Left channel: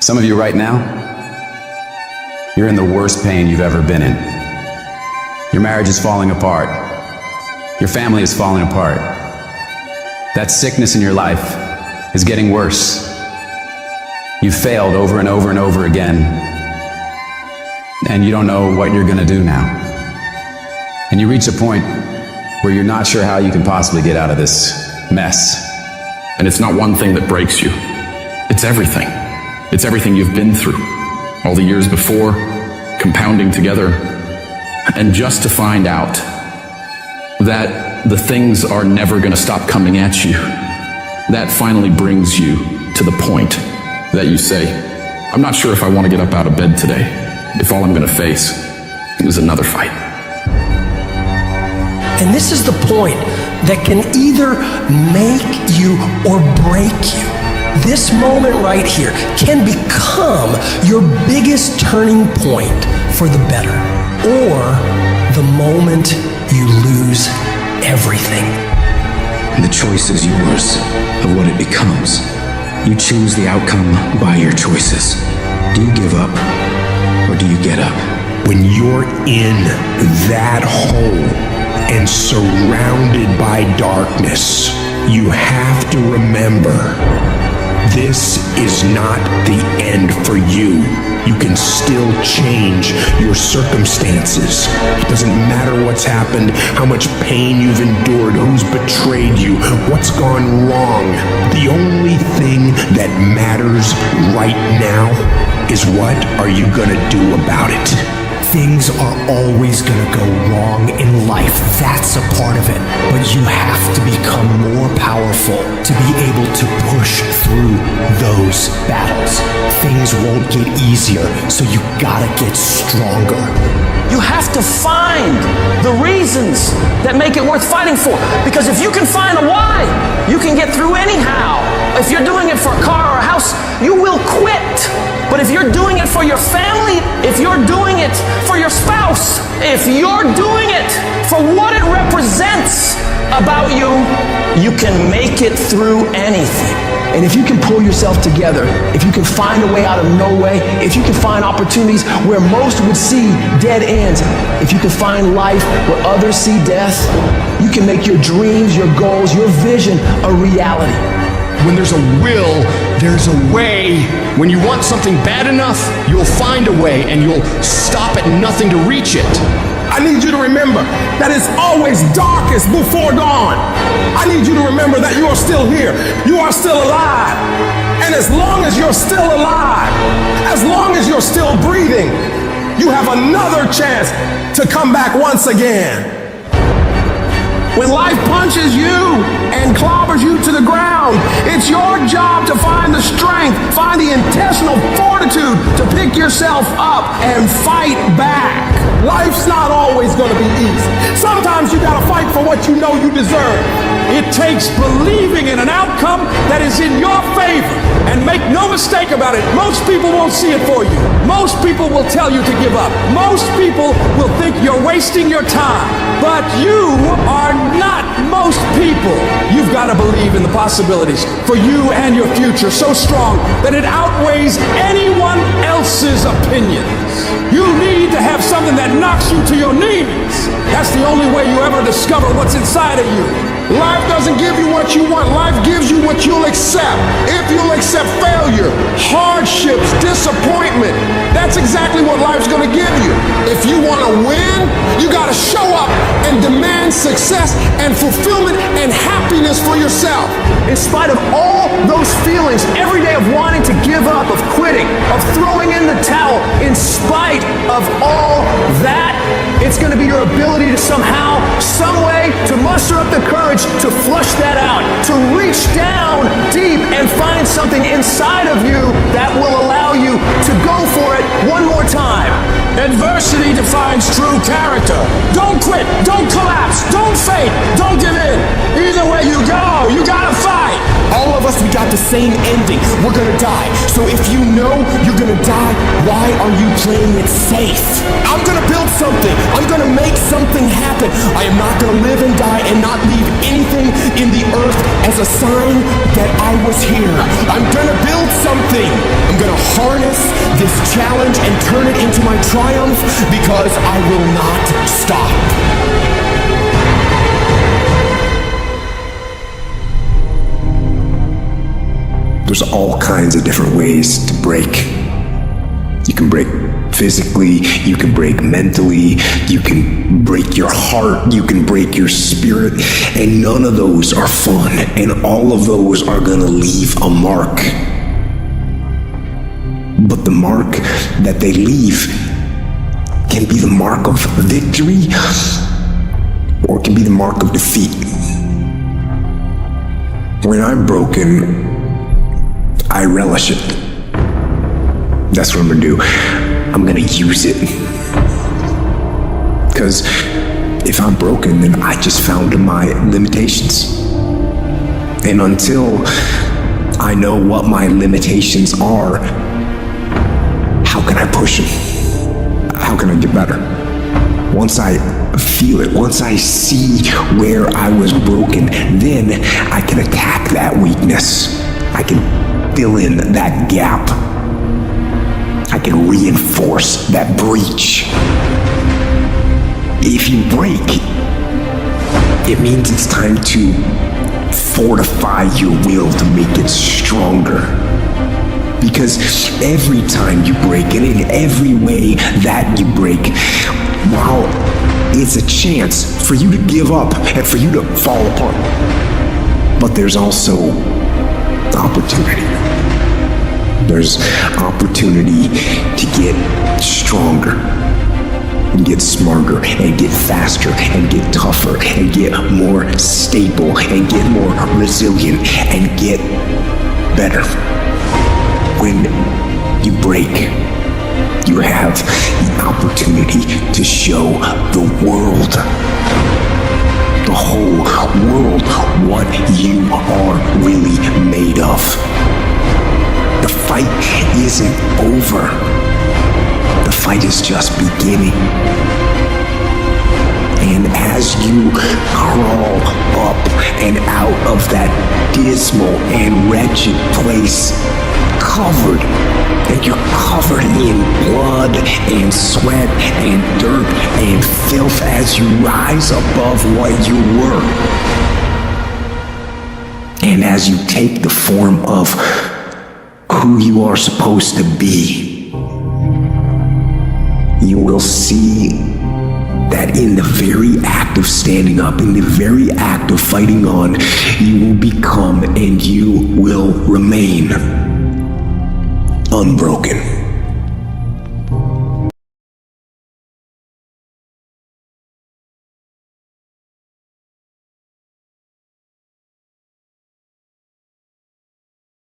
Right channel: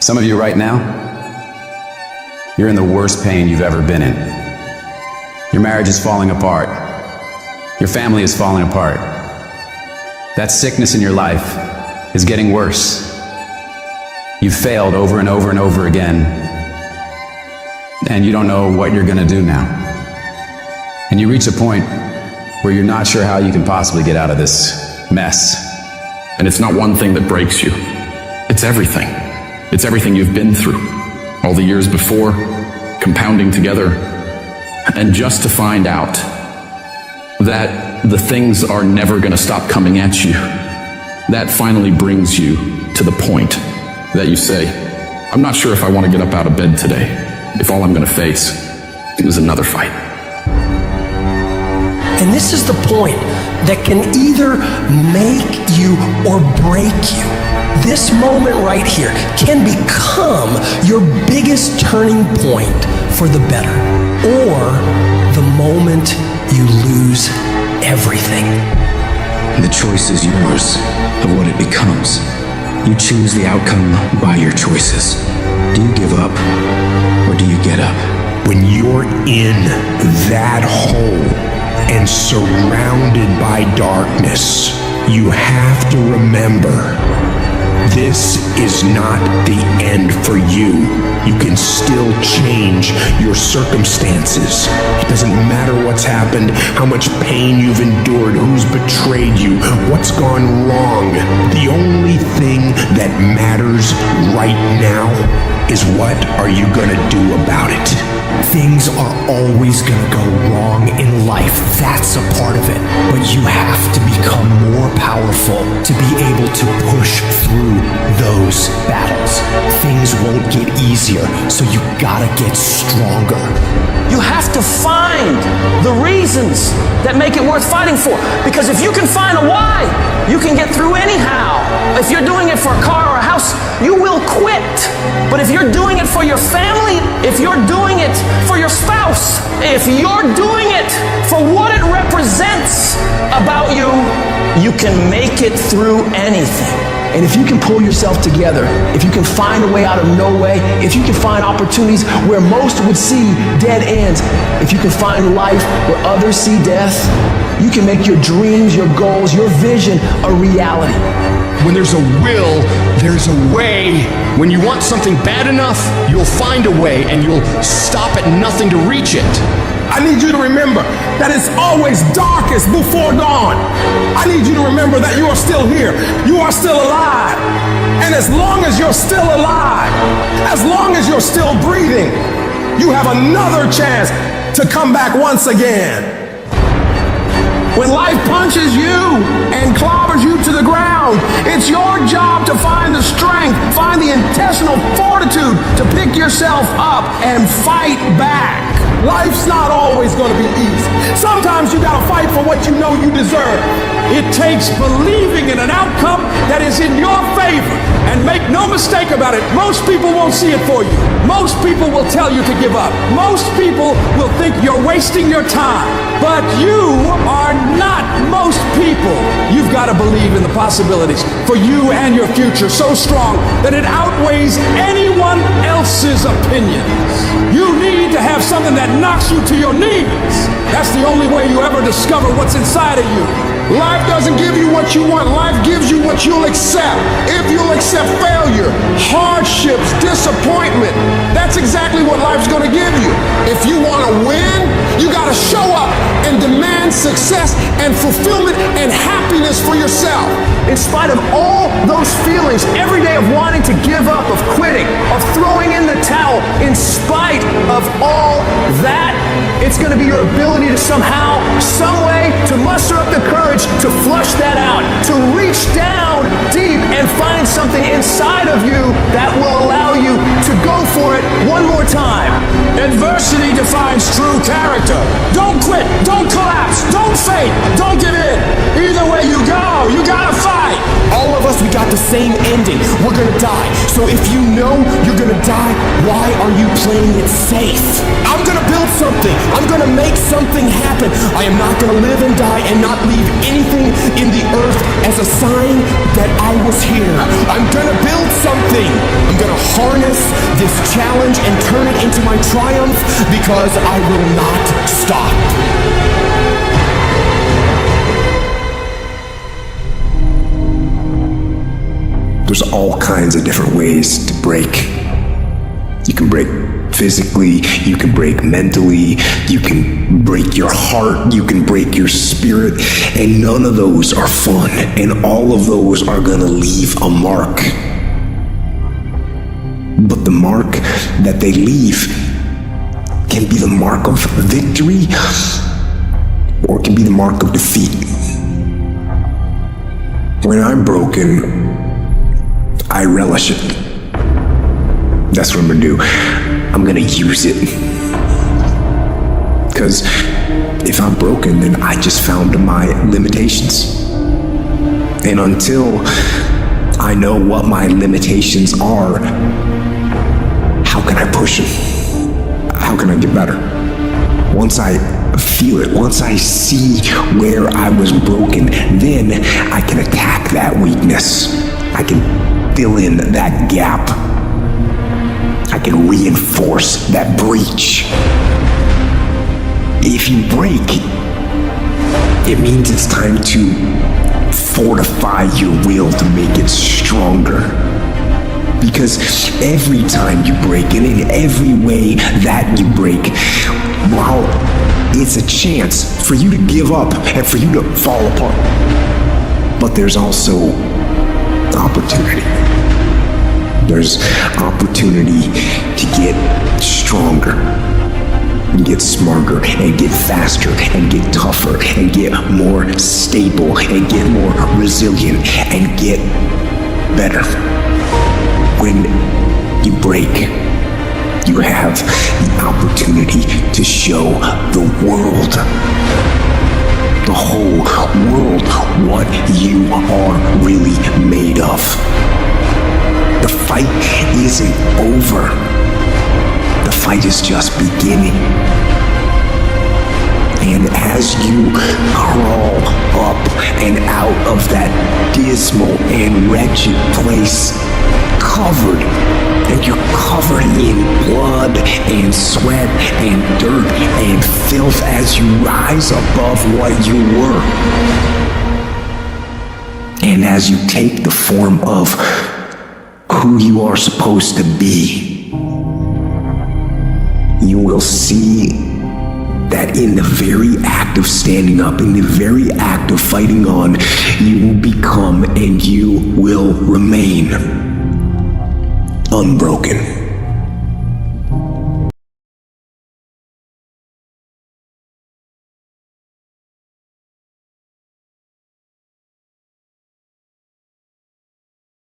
Some of you right now, you're in the worst pain you've ever been in. Your marriage is falling apart. Your family is falling apart. That sickness in your life is getting worse. You've failed over and over and over again, and you don't know what you're gonna do now. And you reach a point where you're not sure how you can possibly get out of this mess. And it's not one thing that breaks you. It's everything. It's everything you've been through. All the years before, compounding together. And just to find out that the things are never gonna stop coming at you, that finally brings you to the point that you say, I'm not sure if I want to get up out of bed today, if all I'm gonna face is another fight. And this is the point that can either make you or break you. This moment right here can become your biggest turning point for the better, or the moment you lose everything. And the choice is yours of what it becomes. You choose the outcome by your choices. Do you give up or do you get up? When you're in that hole and surrounded by darkness, you have to remember, this is not the end for you. You can still change your circumstances. It doesn't matter what's happened, how much pain you've endured, who's betrayed you, what's gone wrong. The only thing that matters right now is what are you gonna do about it? Things are always gonna go wrong in life. That's a part of it. But you have to become more powerful to be able to push through those battles. Things won't get easier, so you gotta get stronger. You have to find the reasons that make it worth fighting for. Because if you can find a why, you can get through anyhow. If you're doing it for a car or a house, you will quit. But if you're doing it for your family, if you're doing it for your spouse, if you're doing it for what it represents about you, you can make it through anything. And if you can pull yourself together, if you can find a way out of no way, if you can find opportunities where most would see dead ends, if you can find life where others see death, you can make your dreams, your goals, your vision a reality. When there's a will, there's a way. When you want something bad enough, you'll find a way and you'll stop at nothing to reach it. I need you to remember that it's always darkest before dawn. I need you to remember that you are still here. You are still alive. And as long as you're still alive, as long as you're still breathing, you have another chance to come back once again. When life punches you and clobbers you to the ground, it's your job to find the strength, find the intestinal fortitude to pick yourself up and fight back. Life's not always going to be easy. Sometimes you got to fight for what you know you deserve. It takes believing in an outcome that is in your favor. And make no mistake about it, most people won't see it for you. Most people will tell you to give up. Most people will think you're wasting your time. But you are not most people. You've got to believe in the possibilities for you and your future so strong that it outweighs anyone else's opinions. You need to have something that knocks you to your knees. That's the only way you ever discover what's inside of you. Life doesn't give you what you want. Life gives you what you'll accept. If you'll accept failure, hardships, disappointment, that's exactly what life's going to give you. If you want to win, you got to show up and demand success and fulfillment and happiness for yourself. In spite of all those feelings every day of wanting to give up, of quitting, of throwing in the towel, in spite of all that, it's going to be your ability to somehow, some way, to muster up the courage to flush that out, to reach down deep and find something inside of you that will allow you you to go for it one more time. Adversity defines true character. Don't quit. Don't collapse. Don't faint. Don't give in. Either way you go, you gotta fight. All of us, we got the same ending. We're gonna die. So if you know you're gonna die, why are you playing it safe? I'm gonna build something. I'm gonna make something happen. I am not gonna live and die and not leave anything in the earth as a sign that I was here. I'm gonna build something. I'm gonna harness this challenge and turn it into my triumph because I will not stop. There's all kinds of different ways to break. You can break physically, you can break mentally, you can break your heart, you can break your spirit, and none of those are fun, and all of those are gonna leave a mark. But the mark that they leave can be the mark of victory, or it can be the mark of defeat. When I'm broken, I relish it. That's what I'm gonna do. I'm gonna use it. Because if I'm broken, then I just found my limitations. And until I know what my limitations are, how can I push them? How can I get better? Once I feel it, once I see where I was broken, then I can attack that weakness. I can fill in that gap. I can reinforce that breach. If you break, it means it's time to fortify your will to make it stronger. Because every time you break, and in every way that you break, while it's a chance for you to give up and for you to fall apart, but there's also opportunity. There's opportunity to get stronger and get smarter and get faster and get tougher and get more stable and get more resilient and get better. When you break, you have the opportunity to show the world, the whole world, what you are really made of. The fight isn't over. The fight is just beginning. And as you crawl up and out of that dismal and wretched place, covered, and you're covered in blood and sweat and dirt and filth as you rise above what you were. And as you take the form of who you are supposed to be, you will see that in the very act of standing up, in the very act of fighting on, you will become and you will remain unbroken.